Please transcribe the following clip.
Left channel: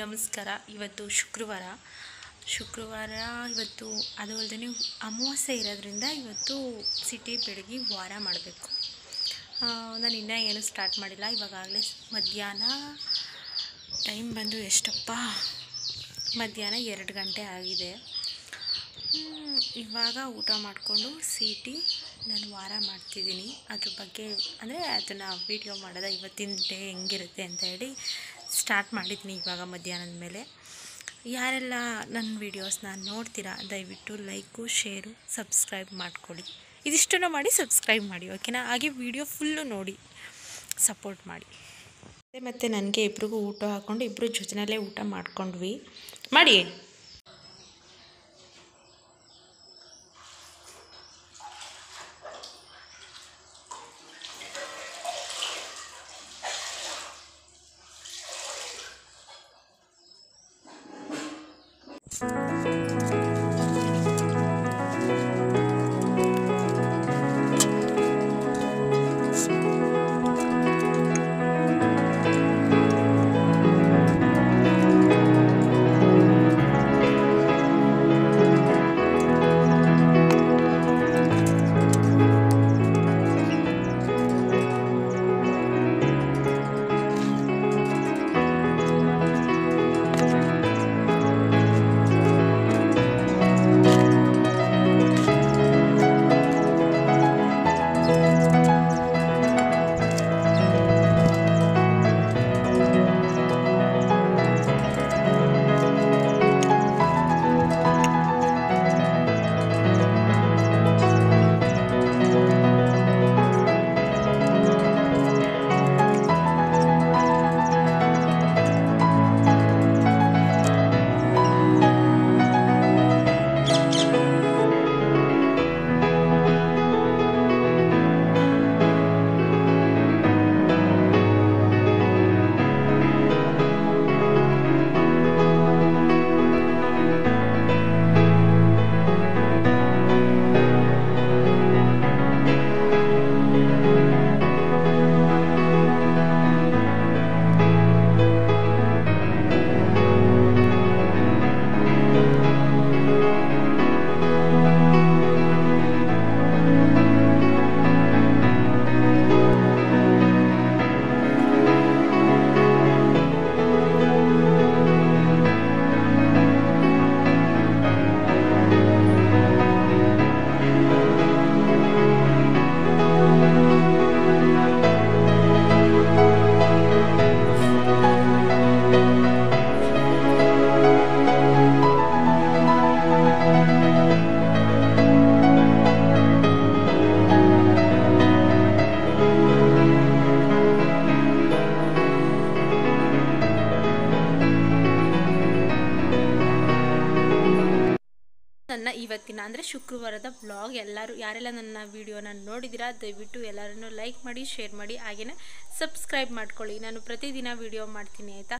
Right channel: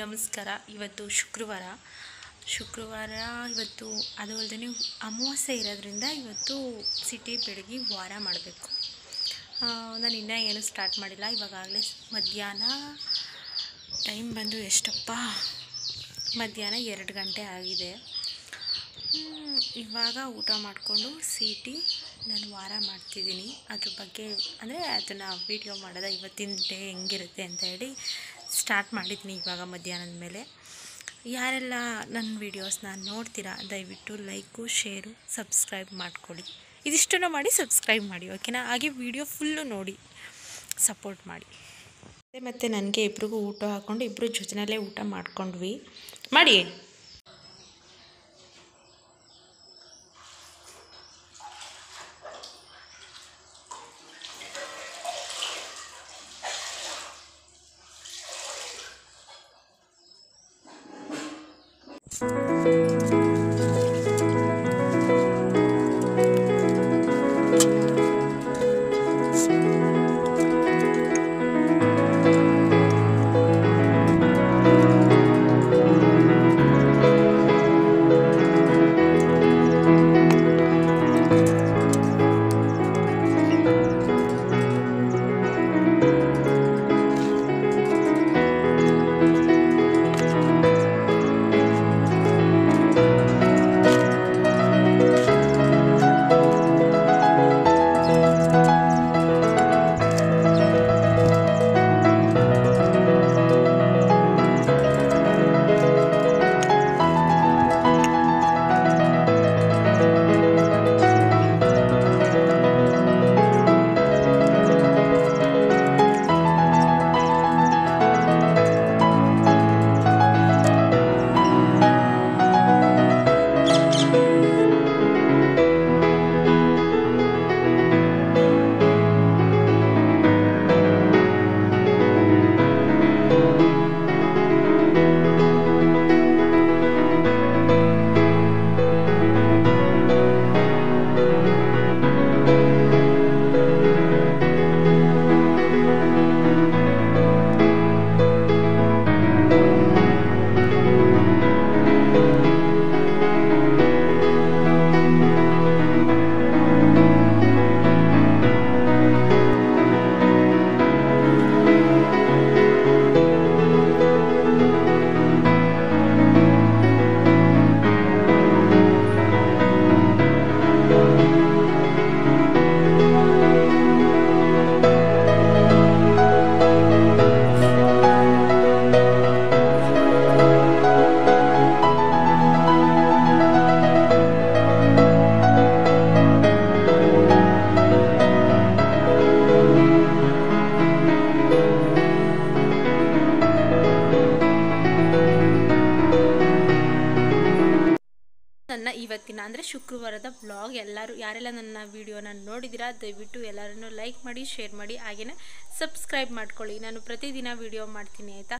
ನಮಸ್ಕಾರ. ಇವತ್ತು ಶುಕ್ರವಾರ ಇವತ್ತು ಅದು ಅಲ್ಲದೆ ಅಮಾವಾಸ್ಯೆ ಇರೋದ್ರಿಂದ ಇವತ್ತು ಸಿಟಿ ಬೆಳಗ್ಗೆ ವಾರ ಮಾಡಬೇಕು. ನಾನು ಇನ್ನೂ ಏನು ಸ್ಟಾರ್ಟ್ ಮಾಡಿಲ್ಲ. ಇವಾಗಲೇ ಮಧ್ಯಾಹ್ನ ಟೈಮ್ ಬಂದು ಎಷ್ಟಪ್ಪ, ಮಧ್ಯಾಹ್ನ 2 ಗಂಟೆ ಆಗಿದೆ. ಇವಾಗ ಊಟ ಮಾಡಿಕೊಂಡು ನಾನು ವಾರ ಮಾಡ್ತಿದ್ದೀನಿ. ಅದ್ರ ಬಗ್ಗೆ ಅಂದರೆ ಅದನ್ನು ವೀಡಿಯೋ ಮಾಡೋದ ಇವತ್ತಿನ ಡೇ ಹೆಂಗಿರುತ್ತೆ ಅಂತ ಹೇಳಿ ಸ್ಟಾರ್ಟ್ ಮಾಡಿದ್ದೀನಿ ಇವಾಗ ಮಧ್ಯಾಹ್ನದ ಮೇಲೆ. ಯಾರೆಲ್ಲ ನನ್ನ ವೀಡಿಯೋಸ್ನ ನೋಡ್ತೀರಾ ದಯವಿಟ್ಟು ಲೈಕು, ಶೇರು, ಸಬ್ಸ್ಕ್ರೈಬ್ ಮಾಡ್ಕೊಳ್ಳಿ. ಇದಿಷ್ಟನ್ನು ಮಾಡಿ ಸಬ್ಸ್ಕ್ರೈಬ್ ಮಾಡಿ, ಓಕೆನಾ? ಹಾಗೆ ವಿಡಿಯೋ ಫುಲ್ಲು ನೋಡಿ ಸಪೋರ್ಟ್ ಮಾಡಿ. ಮತ್ತು ನನಗೆ ಇಬ್ರಿಗೂ ಊಟ ಹಾಕ್ಕೊಂಡು ಇಬ್ಬರು ಜೊತೆಯಲ್ಲೇ ಊಟ ಮಾಡ್ಕೊಂಡ್ವಿ. ಮಾಡಿ ನನ್ನ ಇವತ್ತಿನ ಅಂದರೆ ಶುಕ್ರವಾರದ ವ್ಲಾಗ್. ಯಾರೆಲ್ಲ ನನ್ನ ವಿಡಿಯೋನ ನೋಡಿದ್ದೀರಾ ದಯವಿಟ್ಟು ಎಲ್ಲರನ್ನೂ ಲೈಕ್ ಮಾಡಿ, ಶೇರ್ ಮಾಡಿ, ಹಾಗೆಯೇ ಸಬ್ಸ್ಕ್ರೈಬ್ ಮಾಡ್ಕೊಳ್ಳಿ. ನಾನು ಪ್ರತಿದಿನ ವಿಡಿಯೋ ಮಾಡ್ತೀನಿ, ಆಯಿತಾ?